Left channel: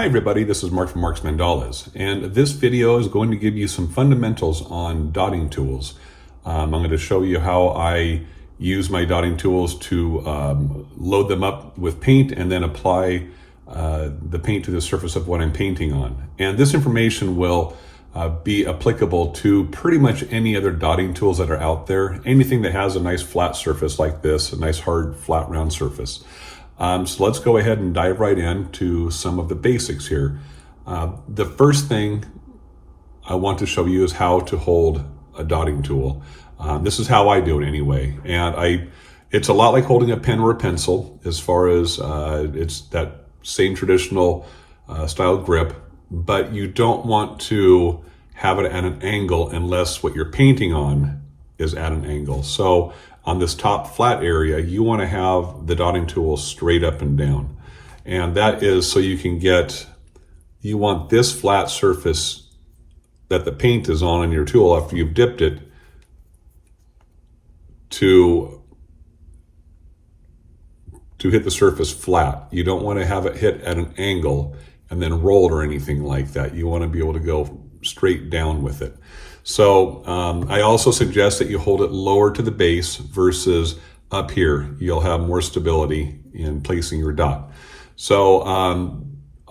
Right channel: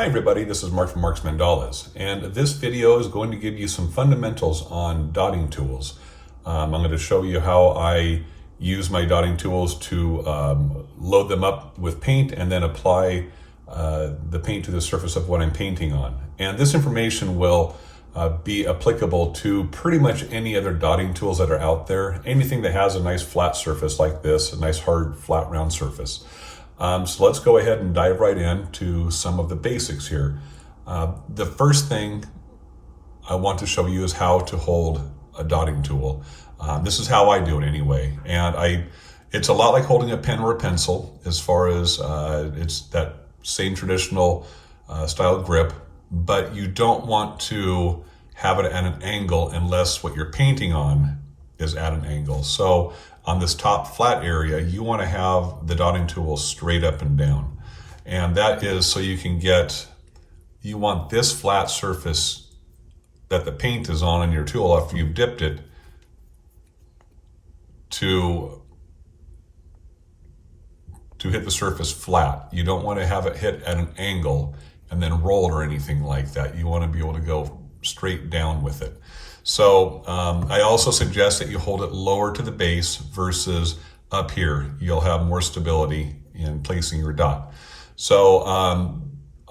Hi everybody, this is Mark from Mark's Mandalas, and this video is going to give you some fundamentals on dotting tools. I'm going to show you how I use my dotting tools to load them up with paint and then apply the paint to the surface of what I'm painting on. And this information will be applicable to pretty much any other dotting tools that are out there. Anything that has a nice flat surface like this, a nice hard flat round surface. So let's go ahead and dive right into some of the basics here. The first thing I want to show you is how to hold a dotting tool. This is how I do it anyway. And it's a lot like holding a pen or a pencil as far as it's that same traditional style grip, but you don't want to have it at an angle unless what you're painting on is at an angle. So on this top flat area, you want to have the dotting tool straight up and down. And that is so you want this flat surface that the paint is on your tool after you've dipped it to hit the surface flat. You don't want to have it hit at an angle and then roll or anything like that. You want to be able to go straight down with it. So I also suggest that you hold it lower to the base versus up here. You'll have more stability in placing your dot. So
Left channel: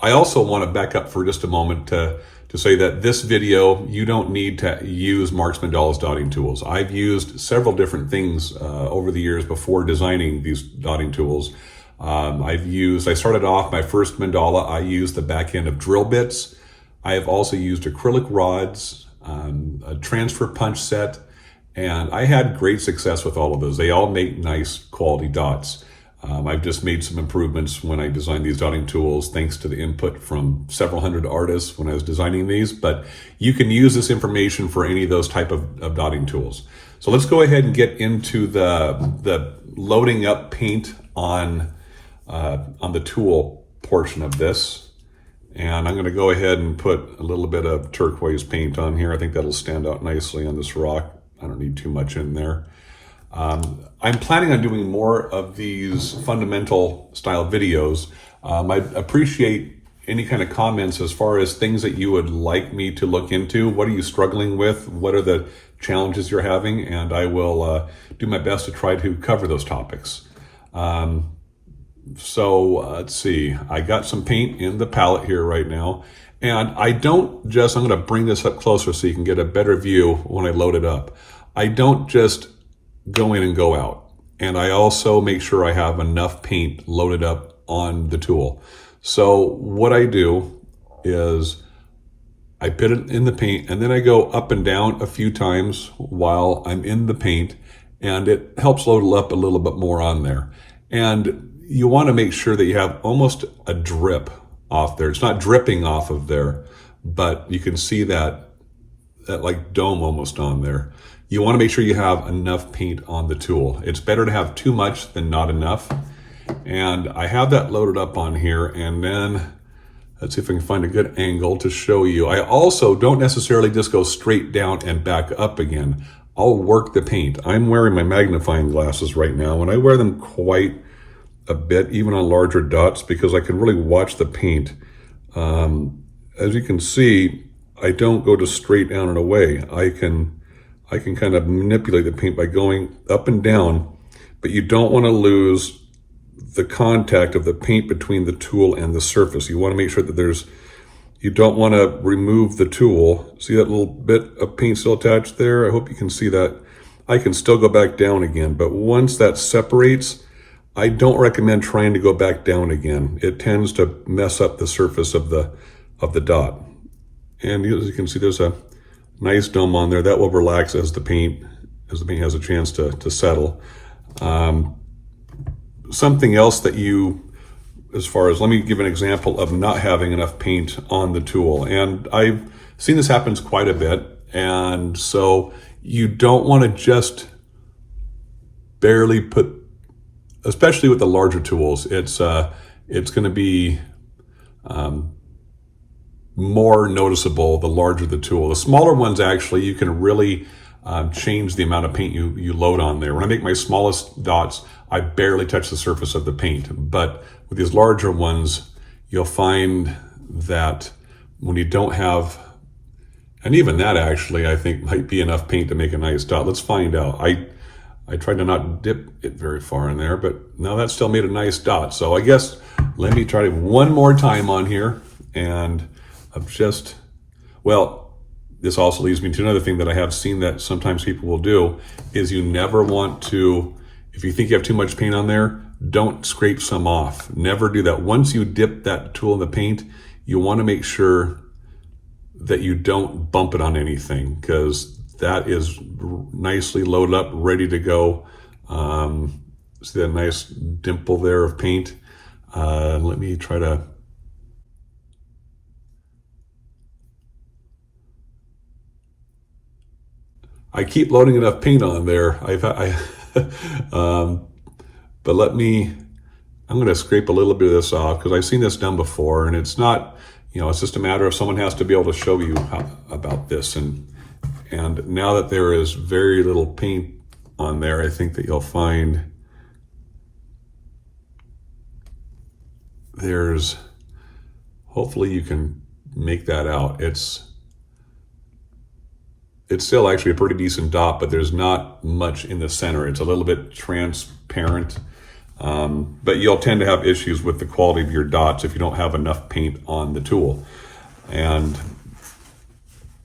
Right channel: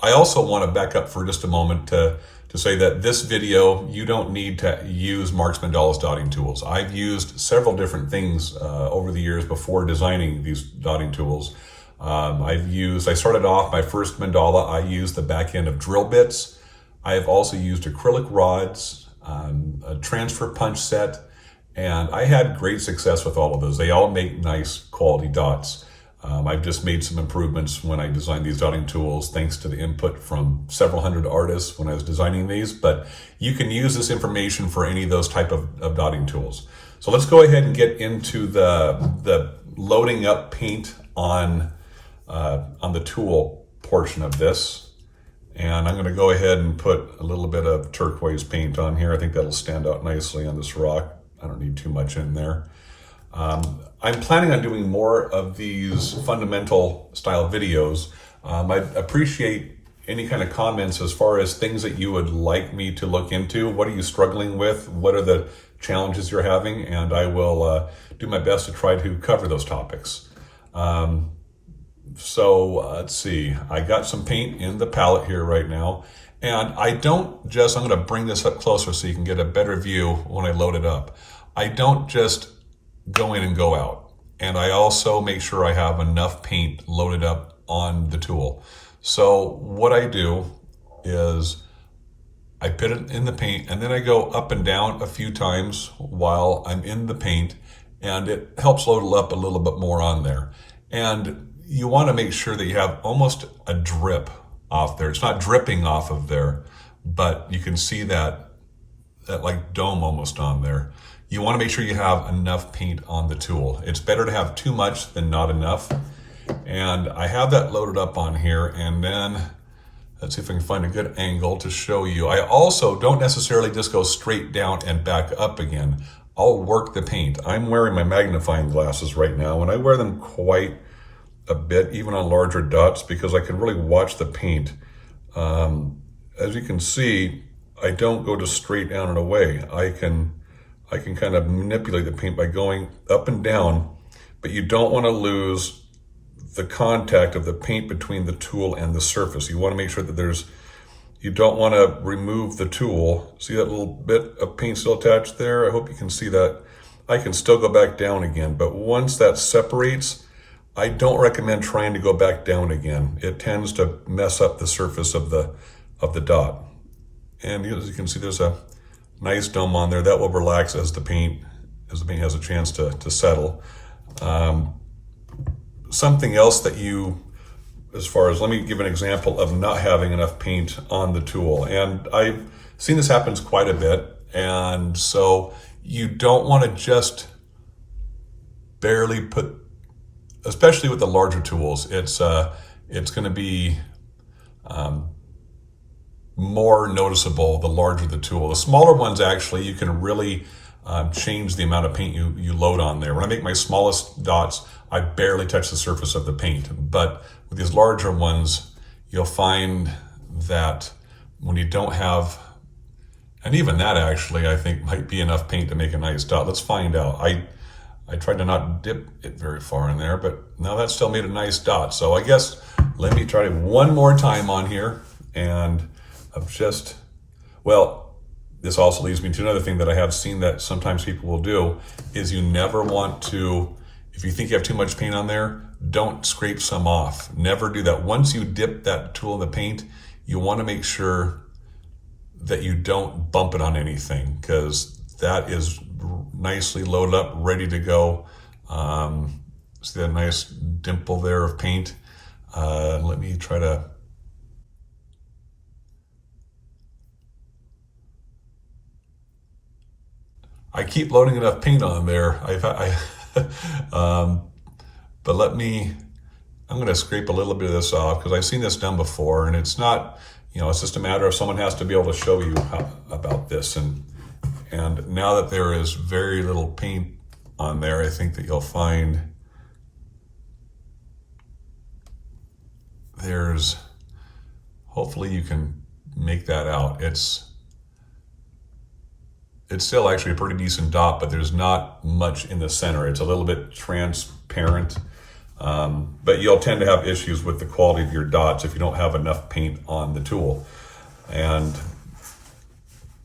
I also want to back up for just a moment to say that this video, you don't need to use Mark's Mandalas dotting tools. I've used several different things over the years before designing these dotting tools. I started off my first mandala, I used the back end of drill bits. I have also used acrylic rods, a transfer punch set, and I had great success with all of those. They all make nice quality dots. I've just made some improvements when I designed these dotting tools thanks to the input from several hundred artists when I was designing these, but you can use this information for any of those type of dotting tools. So let's go ahead and get into the loading up paint on the tool portion of this. And I'm going to go ahead and put a little bit of turquoise paint on here. I think that'll stand out nicely on this rock. I don't need too much in there. I'm planning on doing more of these fundamental style videos. I'd appreciate any kind of comments as far as things that you would like me to look into. What are you struggling with? What are the challenges you're having? And I will do my best to try to cover those topics. So let's see, I got some paint in the palette here right now, and I'm going to bring this up closer so you can get a better view when I load it up. I don't just go in and go out, and I also make sure I have enough paint loaded up on the tool. So what I do is I put it in the paint, and then I go up and down a few times while I'm in the paint, and it helps load it up a little bit more on there. And you want to make sure that you have almost a drip off there. It's not dripping off of there, but you can see that like dome almost on there. You want to make sure you have enough paint on the tool. It's better to have too much than not enough. And I have that loaded up on here, and then let's see if I can find a good angle to show you. I also don't necessarily just go straight down and back up again. I'll work the paint. I'm wearing my magnifying glasses right now, and I wear them quite a bit, even on larger dots, because I can really watch the paint. As you can see, I don't go just straight down and away. I can kind of manipulate the paint by going up and down, but you don't want to lose the contact of the paint between the tool and the surface. You want to make sure that you don't want to remove the tool. See that little bit of paint still attached there? I hope you can see that. I can still go back down again, but once that separates, I don't recommend trying to go back down again. It tends to mess up the surface of the dot. And as you can see, there's a nice dome on there that will relax as the paint has a chance to settle. Something else that let me give an example of not having enough paint on the tool. And I've seen this happens quite a bit. And so you don't want to just barely put, especially with the larger tools, it's going to be more noticeable the larger the tool. The smaller ones, actually, you can really change the amount of paint you load on there. When I make my smallest dots, I barely touch the surface of the paint. But with these larger ones, you'll find that when you don't have, and even that actually I think might be enough paint to make a nice dot. Let's find out. I tried to not dip it very far in there, but now that still made a nice dot. So I guess let me try it one more time on here. And I've just, well, this also leads me to another thing that I have seen that sometimes people will do is you never want to, if you think you have too much paint on there, don't scrape some off. Never do that. Once you dip that tool in the paint, you want to make sure that you don't bump it on anything, because that is nicely loaded up, ready to go. See that nice dimple there of paint? Let me try to, I keep loading enough paint on there. But I'm going to scrape a little bit of this off because I've seen this done before, and it's not, it's just a matter of someone has to be able to show you about this. And now that there is very little paint on there, I think that you'll find hopefully you can make that out. It's still actually a pretty decent dot, but there's not much in the center. It's a little bit transparent, but you'll tend to have issues with the quality of your dots if you don't have enough paint on the tool. And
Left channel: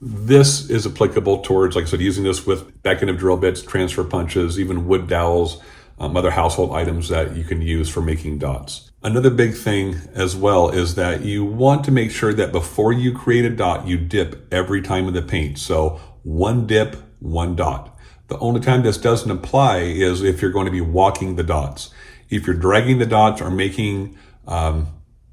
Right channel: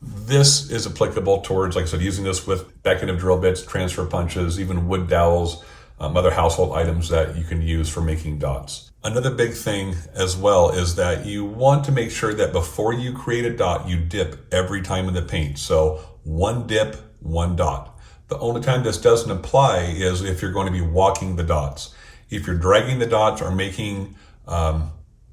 this is applicable towards, like I said, using this with decorative drill bits, transfer punches, even wood dowels, other household items that you can use for making dots. Another big thing as well is that you want to make sure that before you create a dot, you dip every time in the paint. So one dip, one dot. The only time this doesn't apply is if you're going to be walking the dots. If you're dragging the dots or making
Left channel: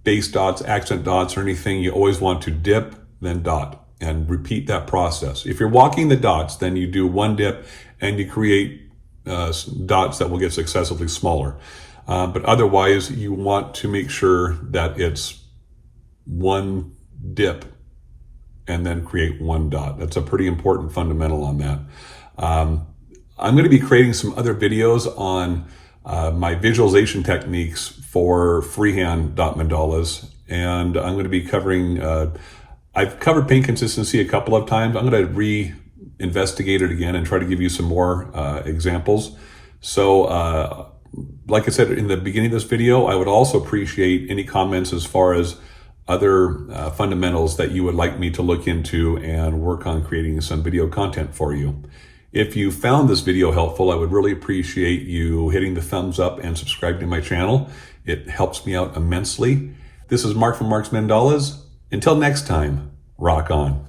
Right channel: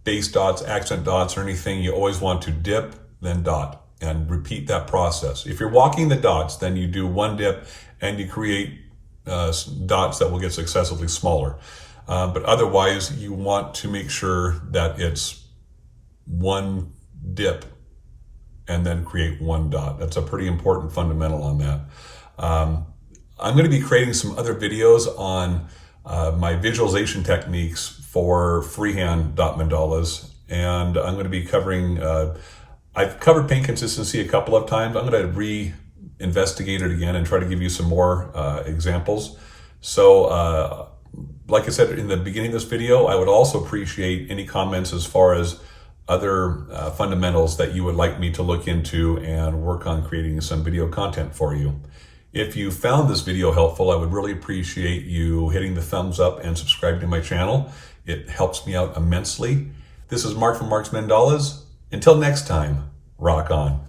base dots, accent dots, or anything, you always want to dip, then dot, and repeat that process. If you're walking the dots, then you do one dip and you create dots that will get successively smaller. But otherwise, you want to make sure that it's one dip and then create one dot. That's a pretty important fundamental on that. I'm going to be creating some other videos on my visualization techniques for freehand dot mandalas, and I'm going to be covering, I've covered paint consistency a couple of times. I'm going to re-investigate it again and try to give you some more examples. So like I said in the beginning of this video, I would also appreciate any comments as far as other fundamentals that you would like me to look into and work on creating some video content for you. If you found this video helpful, I would really appreciate you hitting the thumbs up and subscribing to my channel. It helps me out immensely. This is Mark from Mark's Mandalas. Until next time, rock on.